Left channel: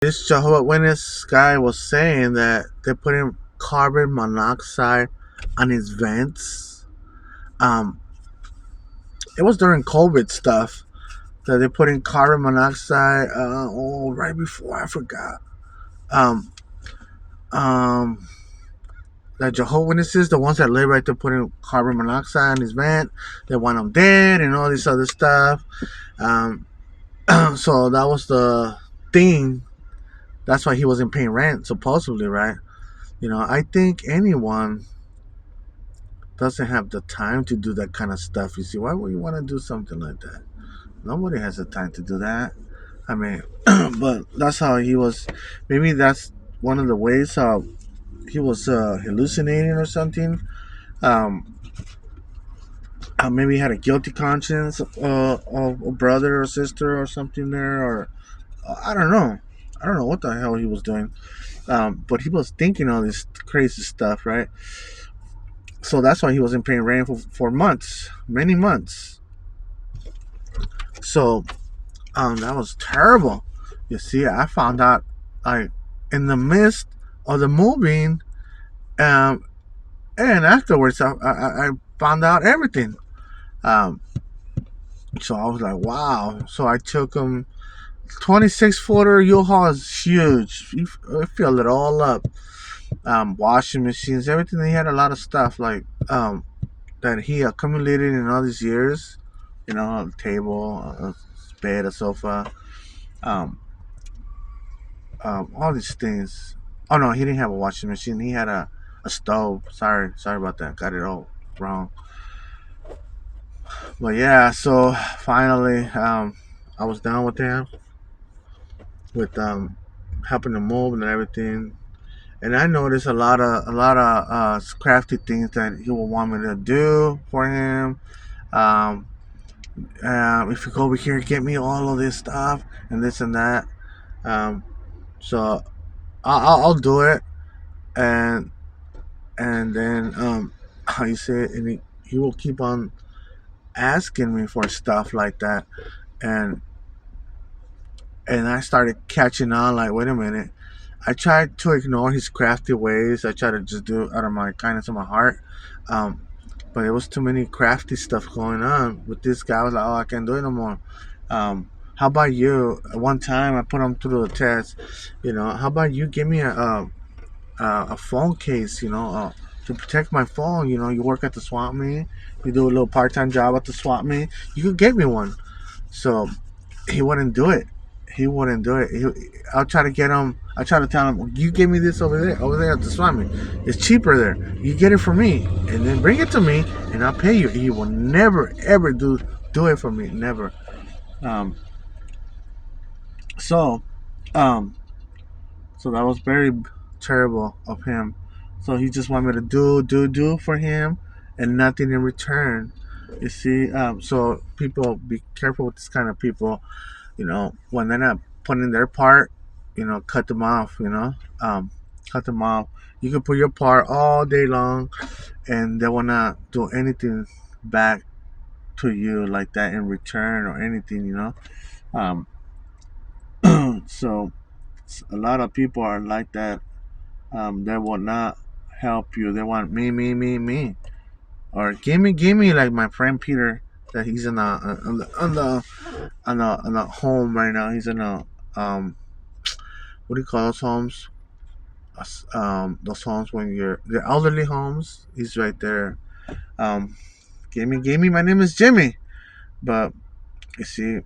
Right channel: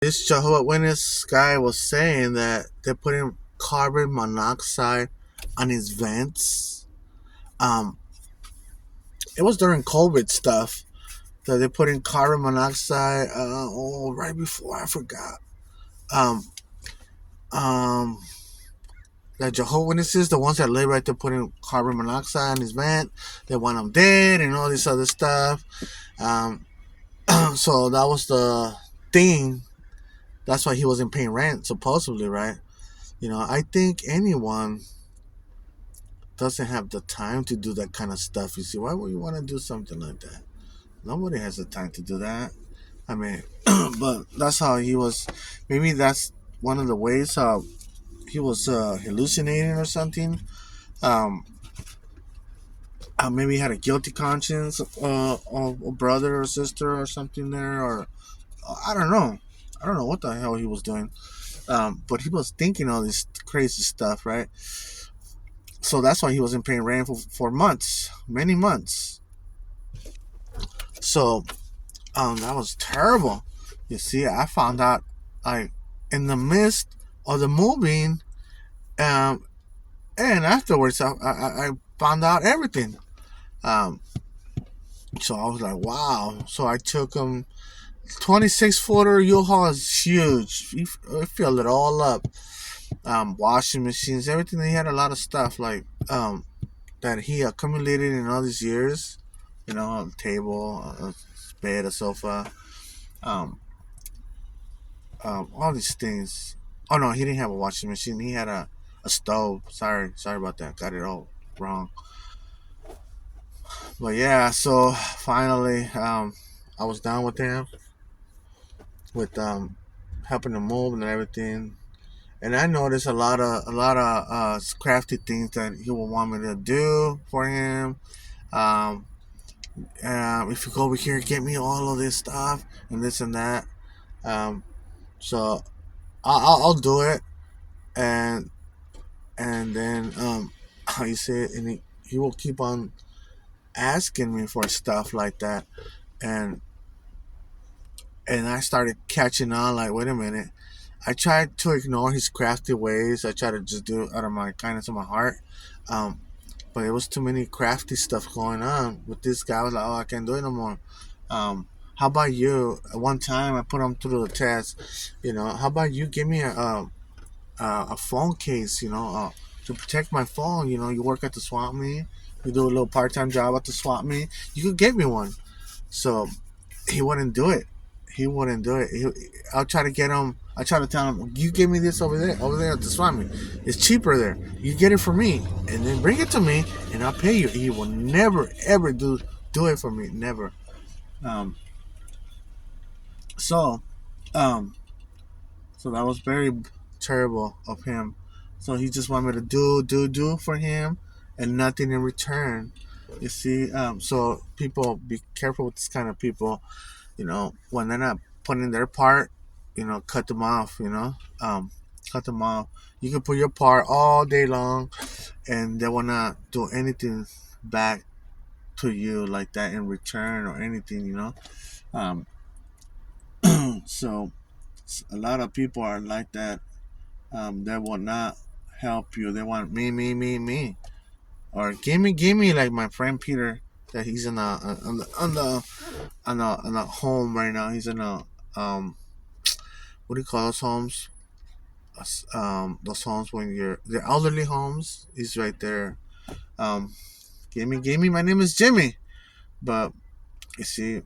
This Jehovah Witness guy was saying that they're putting carbon monoxide on his vents. Um, it was during COVID stuff that they put in carbon monoxide. Right before I forgot. Um, um, the Jehovah Witnesses, the ones that live right there, putting carbon monoxide on his vent. They want him dead and all this other stuff. Um, so that was the thing. That's why he wasn't paying rent, supposedly, right? I think anyone doesn't have the time to do that kind of stuff. You see, why would you want to do something like that? Nobody has the time to do that. I mean, but that's how he was. Maybe that's one of the ways how he was hallucinating or something. Um, Maybe he had a guilty conscience of a brother or sister or something there, or I don't know. I don't know what the hell he was doing. But he was thinking all this crazy stuff, right? So that's why he wasn't paying rent for months, many months. So that was terrible. You see, I found out like in the midst of the moving, um, and afterwards I found out everything. Um, so I was like, wow. So I took him. 26-footer U-Haul is huge. You fill it all up. Washing machines, everything. He had a lot of stuff like that he accumulated in all these years. A table, a bed, a sofa, um, all these things. Oh no, he didn't have a washing machine. He had a stove. Sorry about that. Got it all wrong. But yeah, so finally, I was done with him, with helping him move and everything. And I noticed a lot of crafty things that he would want me to do for him. Um, if you go over here, get me all of this stuff and this and that. Um, so I'll do it, and then how you say it, and he will keep on asking me for stuff like that, and I started catching on. Like, wait a minute. I tried to ignore his crafty ways. I tried to just do it out of my kindness of my heart. Um, but it was too many crafty stuff going on with this guy. I was like, oh, I can't do it no more. How about you? One time I put him through the test. How about you give me a phone case? To protect my phone. You work at the swap meet. You do a little part-time job at the swap meet. You could get me one. So he wouldn't do it. He wouldn't do it. I'll try to get him. I try to tell him, you give me this over there at the swap meet. It's cheaper there. You get it for me, and then bring it to me, and I'll pay you. He will never ever do it for me. Never. Um. So, um. So that was very terrible of him. So he just wanted me to do for him, and nothing in return. You see. So people, be careful with this kind of people. When they're not putting their part, cut them off. Cut them off. You can put your part all day long, and they will not do anything back to you like that in return or anything. Um, so a lot of people are like that. They will not help you. They want me, or gimme, like my friend Peter. That he's in on the home right now. He's in a what do you call those homes? Those homes when you're the elderly homes. He's right there. Um, Gimme. My name is Jimmy, but you see,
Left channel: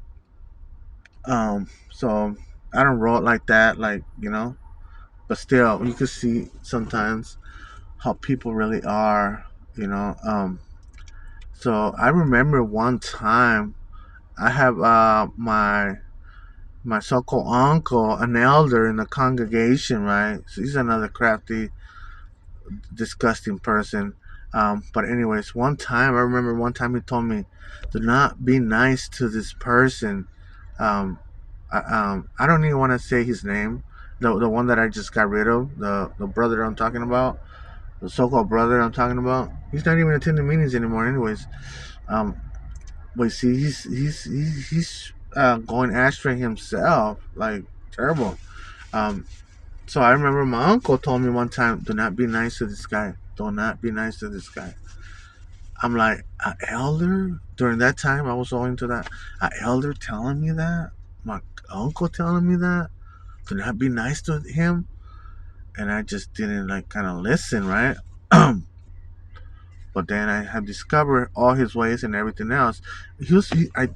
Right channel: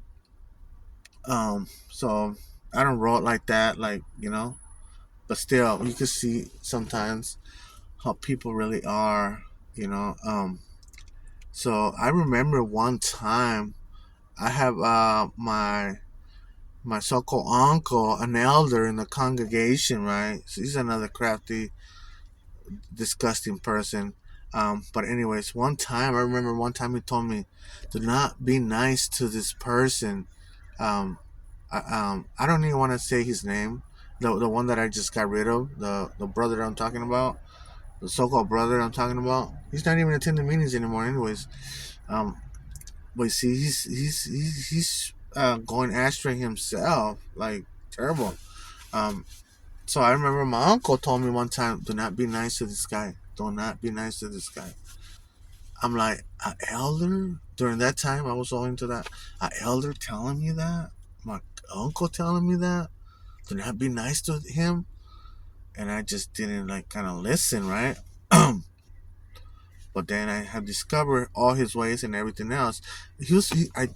so I don't roll it like that, like but still, you can see sometimes how people really are, you know. So I remember one time I have my so-called uncle, an elder in the congregation, right? So he's another crafty, disgusting person. But anyways, I remember one time he told me, "Do not be nice to this person." Um, I don't even want to say his name. The one that I just got rid of, the brother I'm talking about, the so-called brother I'm talking about. He's not even attending meetings anymore, anyways. Um, but see, he's going astray himself, like terrible. Um, so I remember my uncle told me one time, "Do not be nice to this guy. Do not be nice to this guy." I'm like, an elder? During that time, I was owing to that. An elder telling me that? My uncle telling me that? Do not be nice to him? And I just didn't like kind of listen, right? But then I have discovered all his ways and everything else.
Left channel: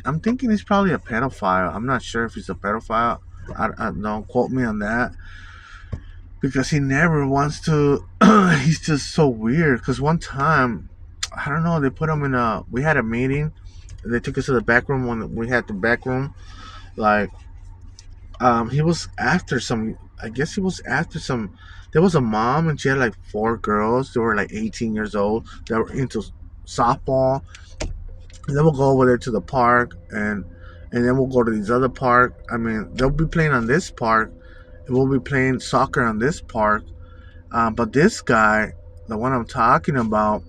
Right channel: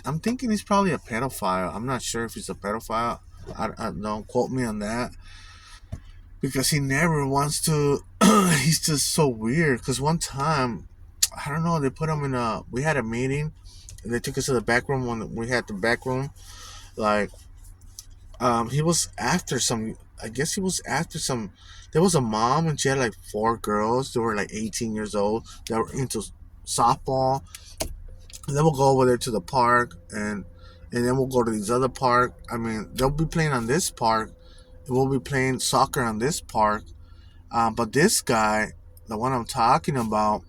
I'm thinking he's probably a pedophile. I'm not sure if he's a pedophile. I don't quote me on that because he never wants to. He's just so weird. Because one time, I don't know, they put him in a. We had a meeting. They took us to the back room when we had the back room. Like, he was after some. I guess he was after some. There was a mom and she had like 4 girls. They were like 18 years old. They were into softball. And then we'll go over there to the park and then we'll go to these other park. I mean, they'll be playing on this park and we'll be playing soccer on this park. But this guy, the one I'm talking about,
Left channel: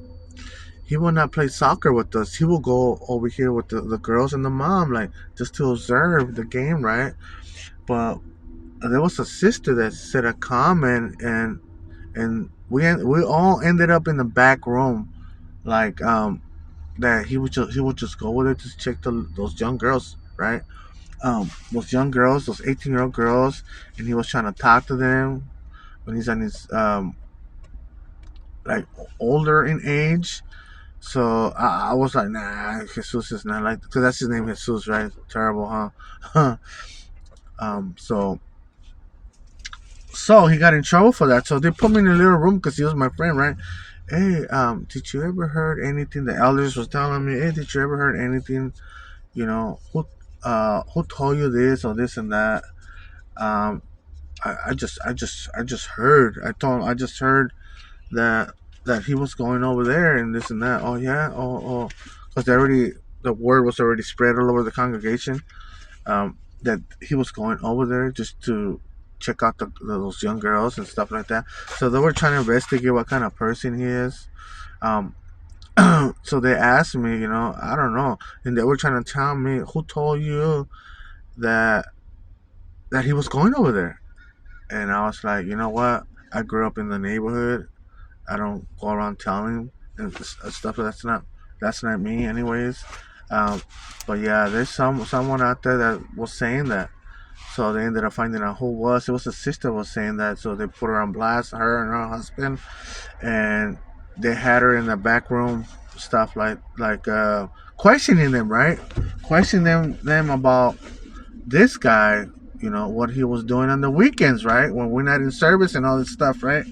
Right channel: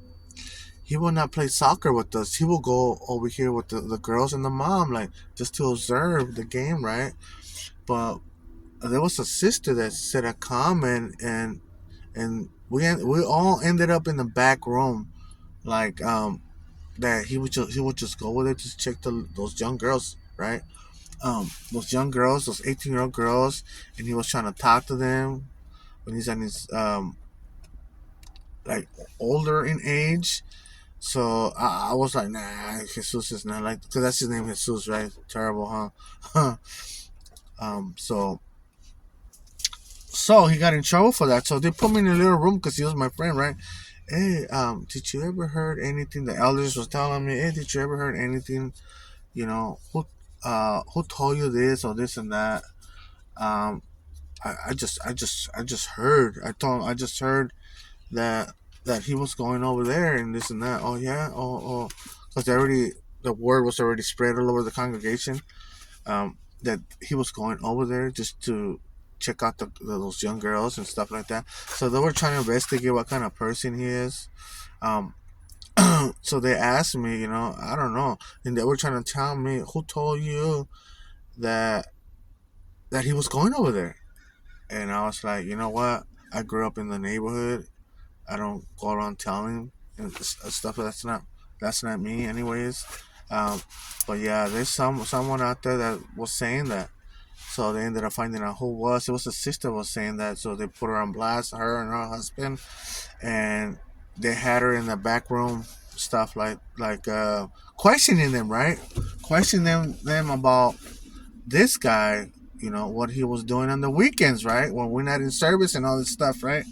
he will not play soccer with us. He will go over here with the girls and the mom, like just to observe the game, right? But there was a sister that said a comment, and we all ended up in the back room, like that he would just go over there to check those young girls, right? Those young girls, those 18-year-old girls, and he was trying to talk to them when he's on his like older in age. So I was like, nah, Jesus is not like, because that's his name, Jesus, right? Terrible, huh? So he got in trouble for that. So they put me in a little room because he was my friend, right? Hey, did you ever heard anything? The elders was telling me, hey, did you ever heard anything? You know, who told you this or this and that? Um, I just heard. I told him I just heard that he was going over there and this and that. Oh yeah, because the word was already spread all over the congregation. That he was going over there just to check out those young girls and stuff like that. So they were trying to investigate what kind of person he is. Um, so they asked me, I don't know, and they were trying to tell me who told you that he was going over there. And I was like, you know what? I grew up in the neighborhood. I don't go around telling and stuff. That's not me, anyways. Um, but yeah, there's someone out there that was saying that. So they ended up finding out who it was. It was a sister was saying that. So they put her on blast, her and her husband, and they had her in the back room, stuff like questioning them, right? Questioning them about this guy, what he was doing on the weekends, right? When we're not in service and all this stuff, right?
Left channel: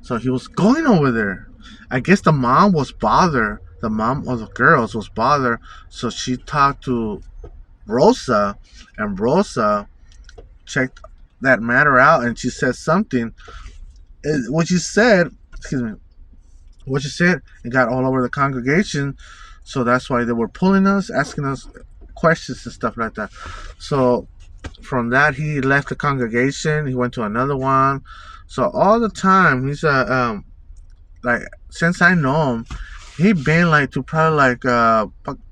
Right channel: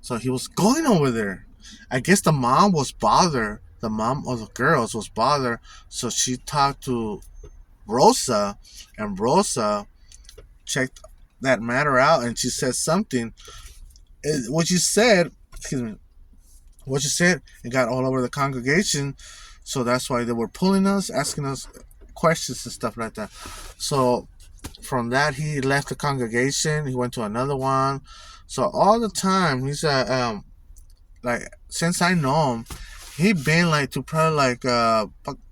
So he was going over there. I guess the mom was bothered. The mom of the girls was bothered. So she talked to Rosa, and Rosa checked that matter out, and she said something. What you said, excuse me, what you said, it got all over the congregation. So that's why they were pulling us, asking us questions and stuff like that. So from that, he left the congregation. He went to another one. So all the time, he's like, since I know him, he been like to probably like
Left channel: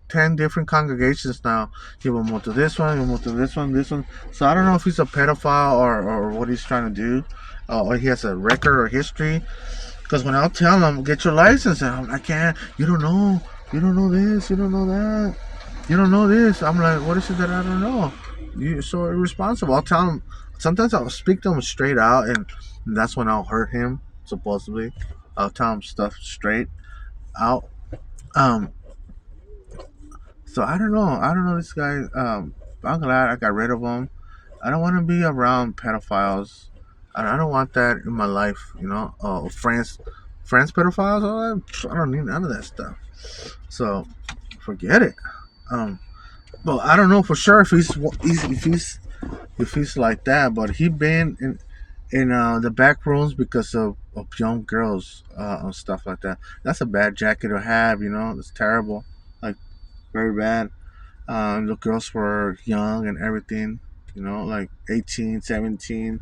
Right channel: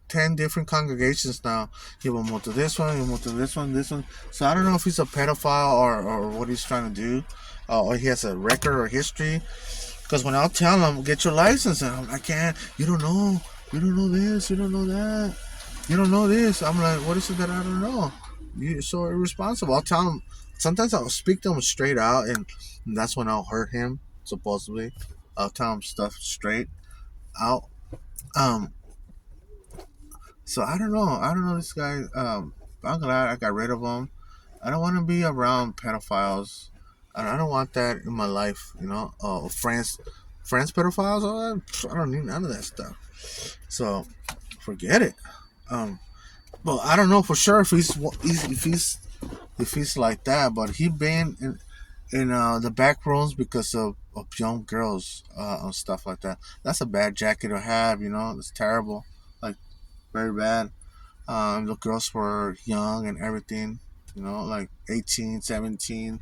10 different congregations now. He will move to this one, he will move to this one. So I don't know if he's a pedophile or what he's trying to do, or he has a record or history. Because when I'll tell him, get your license, and I can't, you don't know this, you don't know that, you don't know this. I'm like, what is it that I don't know? You're so irresponsible. I'll tell him, sometimes I'll speak to him straight out, and that's when I'll hurt him, supposedly. I'll tell him stuff straight out. Um, so I don't know. This guy. I'm glad I got rid of him. I don't want to be around pedophiles. I don't want that in my life. Friends pedophiles. I don't need none of that stuff. So forget it. Well, I don't know for sure if he's like that, but he been in the back rooms because of young girls and stuff like that. That's a bad jacket to have. It's terrible. Like, very bad. The girls were young and everything, like 18, 17.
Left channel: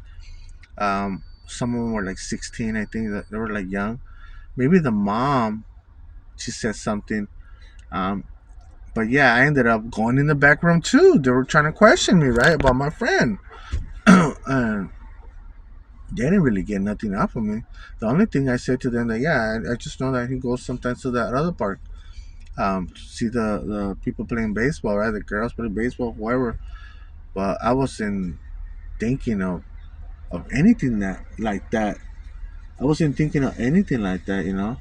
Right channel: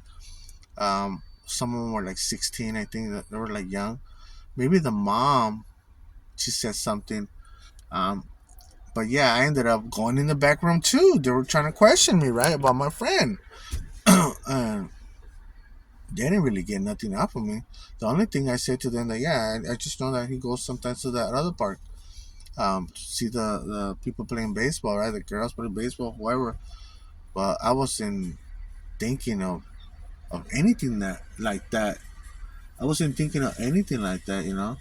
Some of them were like 16, I think, that they were like young. Maybe the mom, she said something. But yeah, I ended up going in the back room too. They were trying to question me, right, about my friend. and they didn't really get nothing out of me. The only thing I said to them that I just know that he goes sometimes to that other park, to see the people playing baseball, right? The girls playing baseball, whoever. But I wasn't thinking of anything that like that. I wasn't thinking of anything like that, you know.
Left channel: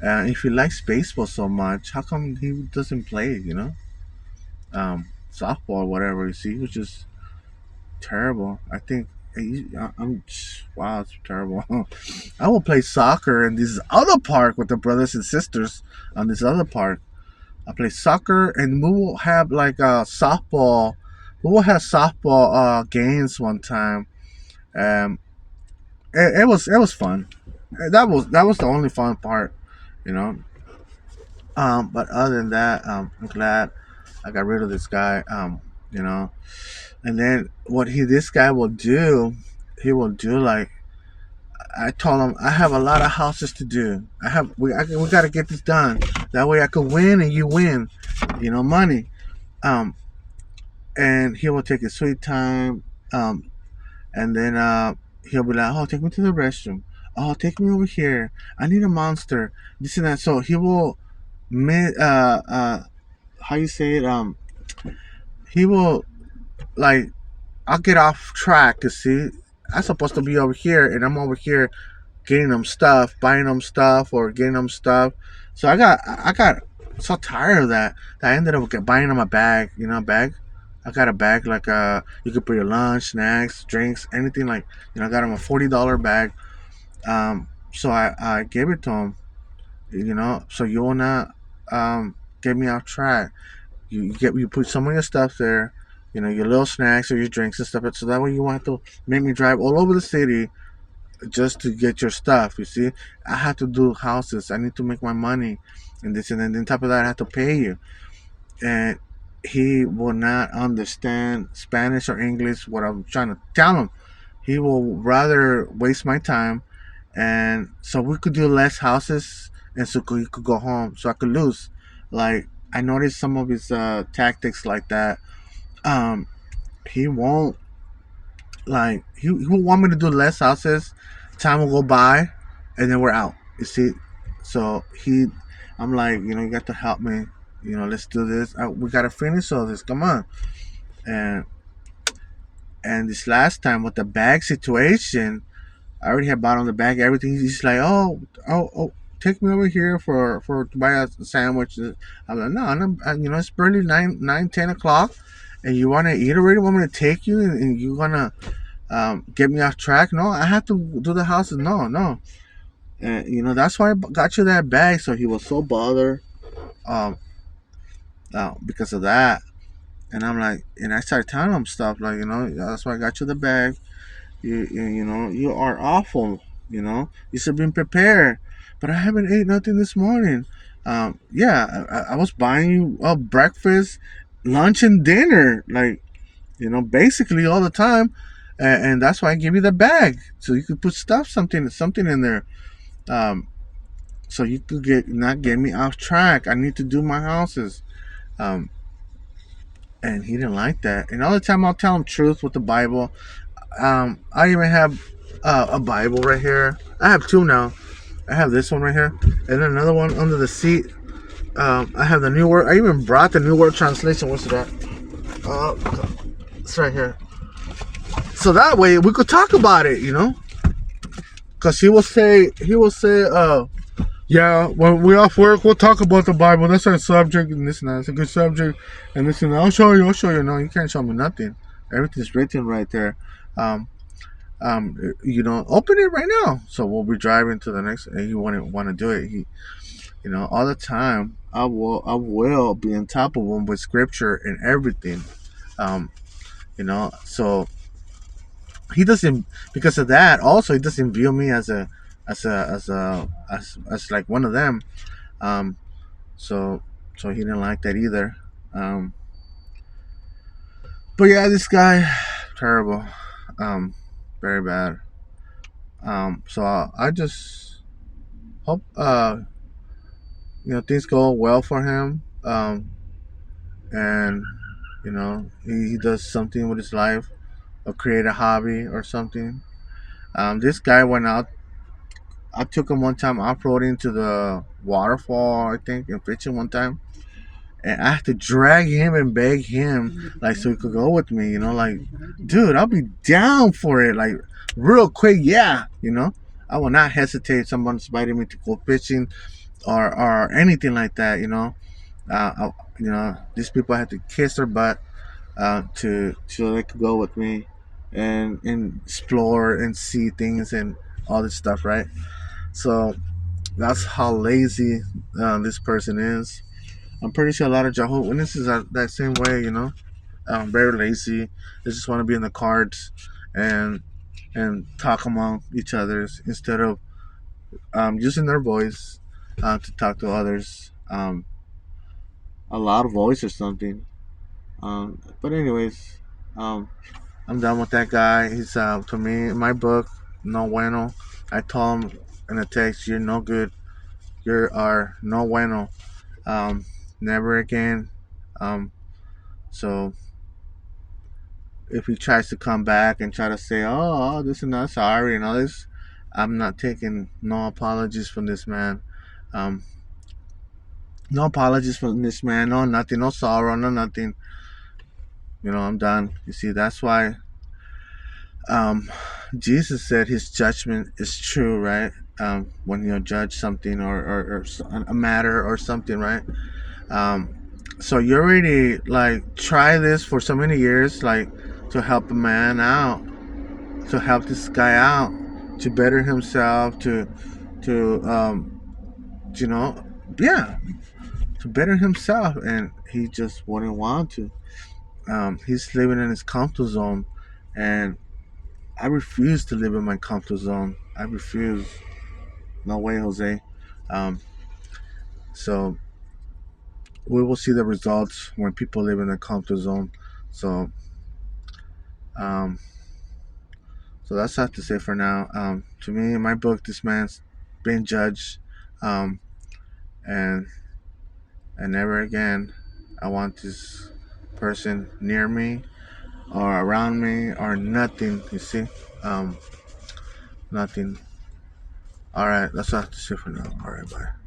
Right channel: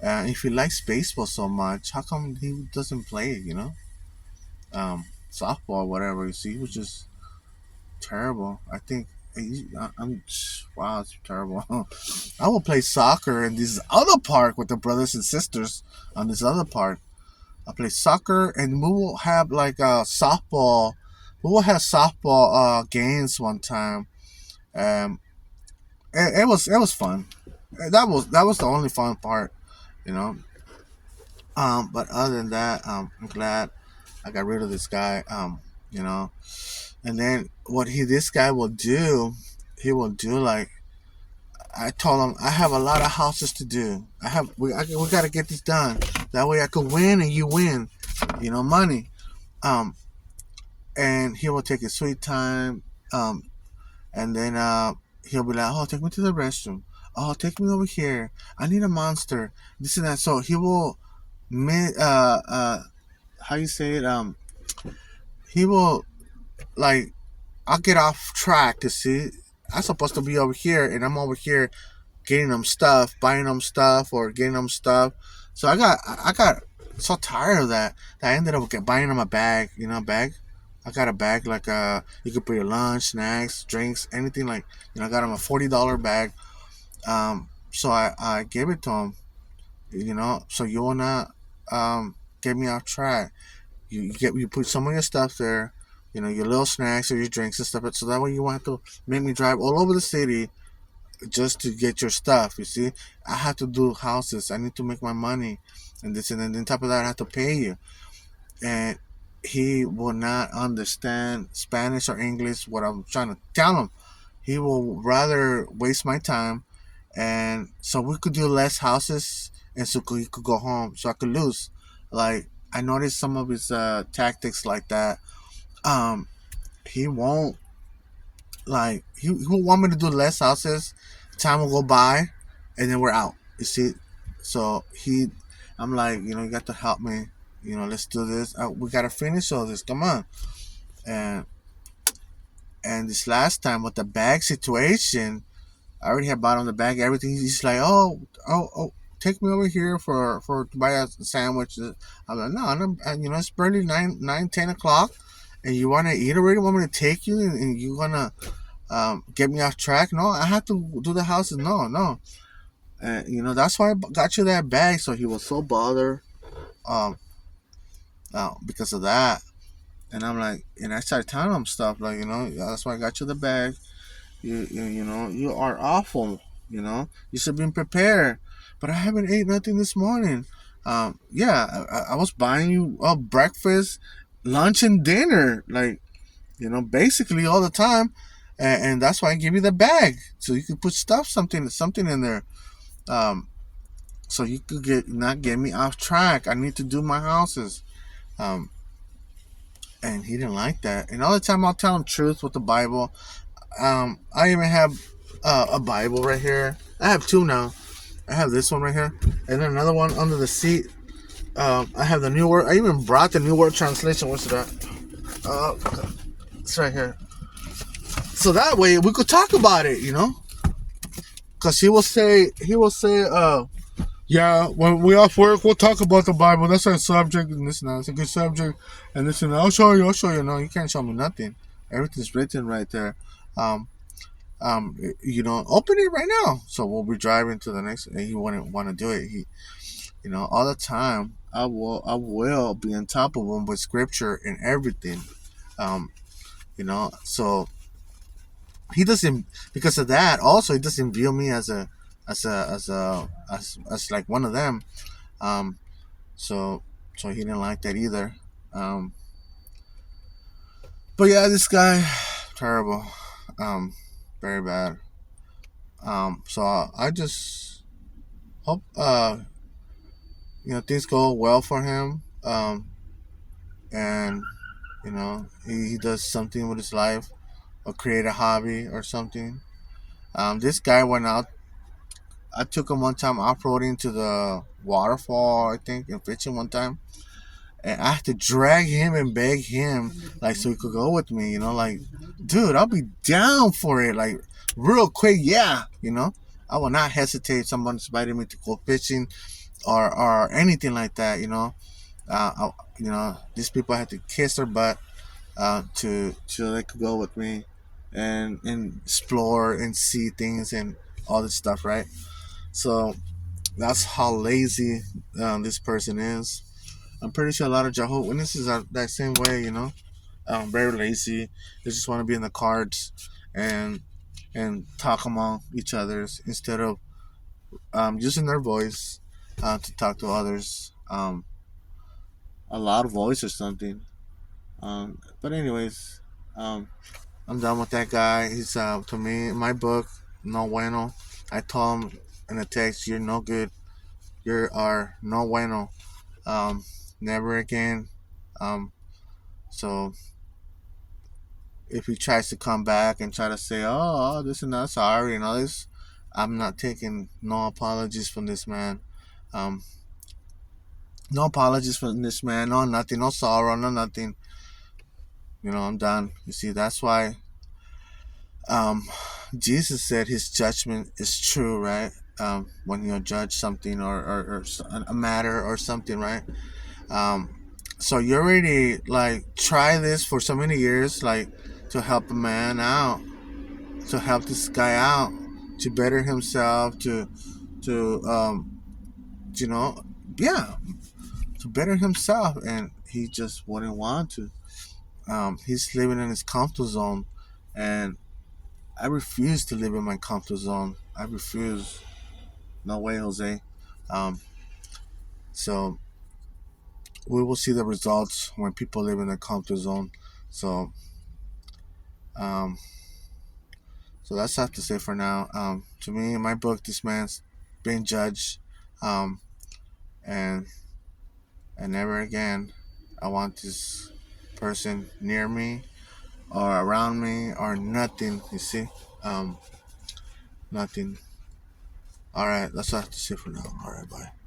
If he likes baseball so much, how come he doesn't play? You know, softball or whatever. You see, he was just terrible. I think I'm wow, it's terrible. I will play soccer in this other park with the brothers and sisters on this other park. I play soccer, and we will have like softball. We will have softball games one time. Um, it was fun. That was the only fun part, you know. But other than that, I'm glad I got rid of this guy. You know, and then what this guy will do, he will do like I told him I have a lot of houses to do. We got to get this done. That way I could win and you win. You know, money. Um, and he will take his sweet time. And then he'll be like, "Oh, take me to the restroom. Oh, take me over here. I need a monster. This and that." So he will, how you say it? He will like, I'll get off track to see. I'm supposed to be over here, and I'm over here getting them stuff, buying them stuff, or getting them stuff. So I got so tired of that I ended up buying them a bag. You know, a bag. I got a bag like you could put your lunch, snacks, drinks, anything like. You know, I got him a $40 bag. So I gave it to him. You know, so you will not get me off track. You put some of your stuff there, you know, your little snacks or your drinks and stuff, so that way you won't have to make me drive all over the city just to get your stuff. You see, I have to do houses. I need to make my money, and this and then on top of that, I have to pay you. And he will not understand Spanish or English. What I'm trying to tell him, he will rather waste my time, and so we could do less houses, and so he could go home, so I could lose. Like I noticed some of his tactics like that. Um, he won't he will want me to do less houses. Time will go by, and then we're out. You see, so I'm like, you know, you got to help me. You know, let's do this. We gotta finish all this. Come on. And this last time with the bag situation, I already had bought on the bag everything. He's like, oh, take me over here to buy a sandwich. I'm like, no, you know, it's barely 10 o'clock, and you want to eat already? Want me to take you, and you wanna get me off track? No, I have to do the houses. No, and you know that's why I got you that bag. So he was so bothered, because of that. And I'm like, and I started telling him stuff like, you know, that's why I got you the bag. You know, you are awful. You know, you should have been prepared. But I haven't ate nothing this morning. Yeah, I was buying you breakfast, lunch, and dinner. Like, you know, basically all the time. And that's why I gave you the bag, so you could put something in there. So you could not get me off track. I need to do my houses. And he didn't like that. And all the time I'll tell him truth with the Bible. I even have a Bible right here. I have two now. I have this one right here, and then another one under the seat. I have the New Word. I even brought the New Word Translation. What's that? It's right here. So that way we could talk about it, you know. Cause he will say, yeah, when we're off work, we'll talk about the Bible. That's our subject, and this and that. It's a good subject, and this and that. I'll show you. No, you can't show me nothing. Everything's written right there. You know, open it right now. So we'll be driving to the next, and he wouldn't want to do it. You know, all the time, I will be on top of him with scripture and everything. You know, so he doesn't, because of that. Also, he doesn't view me as like one of them. So he didn't like that either. But yeah, this guy, terrible. Very bad. So I just hope you know, things go well for him. And you know, he does something with his life. or create a hobby or something. This guy went out. I took him one time off-roading to the waterfall, I think, and fishing one time. And I had to drag him and beg him, like, so he could go with me, like, dude, I'll be down for it, like, real quick, yeah, I will not hesitate if someone's inviting me to go fishing or anything like that, these people had to kiss their butt to so they could go with me and explore and see things and all this stuff, right? So that's how lazy this person is. I'm pretty sure a lot of Jehovah's Witnesses are that same way, very lazy. They just want to be in the cards and talk among each others instead of using their voice to talk to others. A loud voice or something. But anyways, I'm done with that guy. He's to me in my book, no bueno. I told him in a text, "You're no good. You are no bueno. Um, Never again." Um, so if he tries to come back and try to say, "Oh, this and that, sorry," and all this, I'm not taking no apologies from this man. Um, no apologies from this man. No nothing. No sorrow. No nothing. I'm done. You see, that's why um, Jesus said his judgment is true, right? When you judge something or a matter or something, right? Um, so you already like try this for so many years, like to help a man out, to help this guy out, to better himself, to you know, yeah, to better himself, and he just wouldn't want to. He's living in his comfort zone, and I refuse to live in my comfort zone. I refuse. No way, Jose. Um, so we will see the results when people live in their comfort zone. So, um, so that's all I have to say for now. To me, in my book, this man's been judged, um, and never again I want this person near me or around me or nothing. You see, nothing. All right, that's all I have to say for now. All right, bye.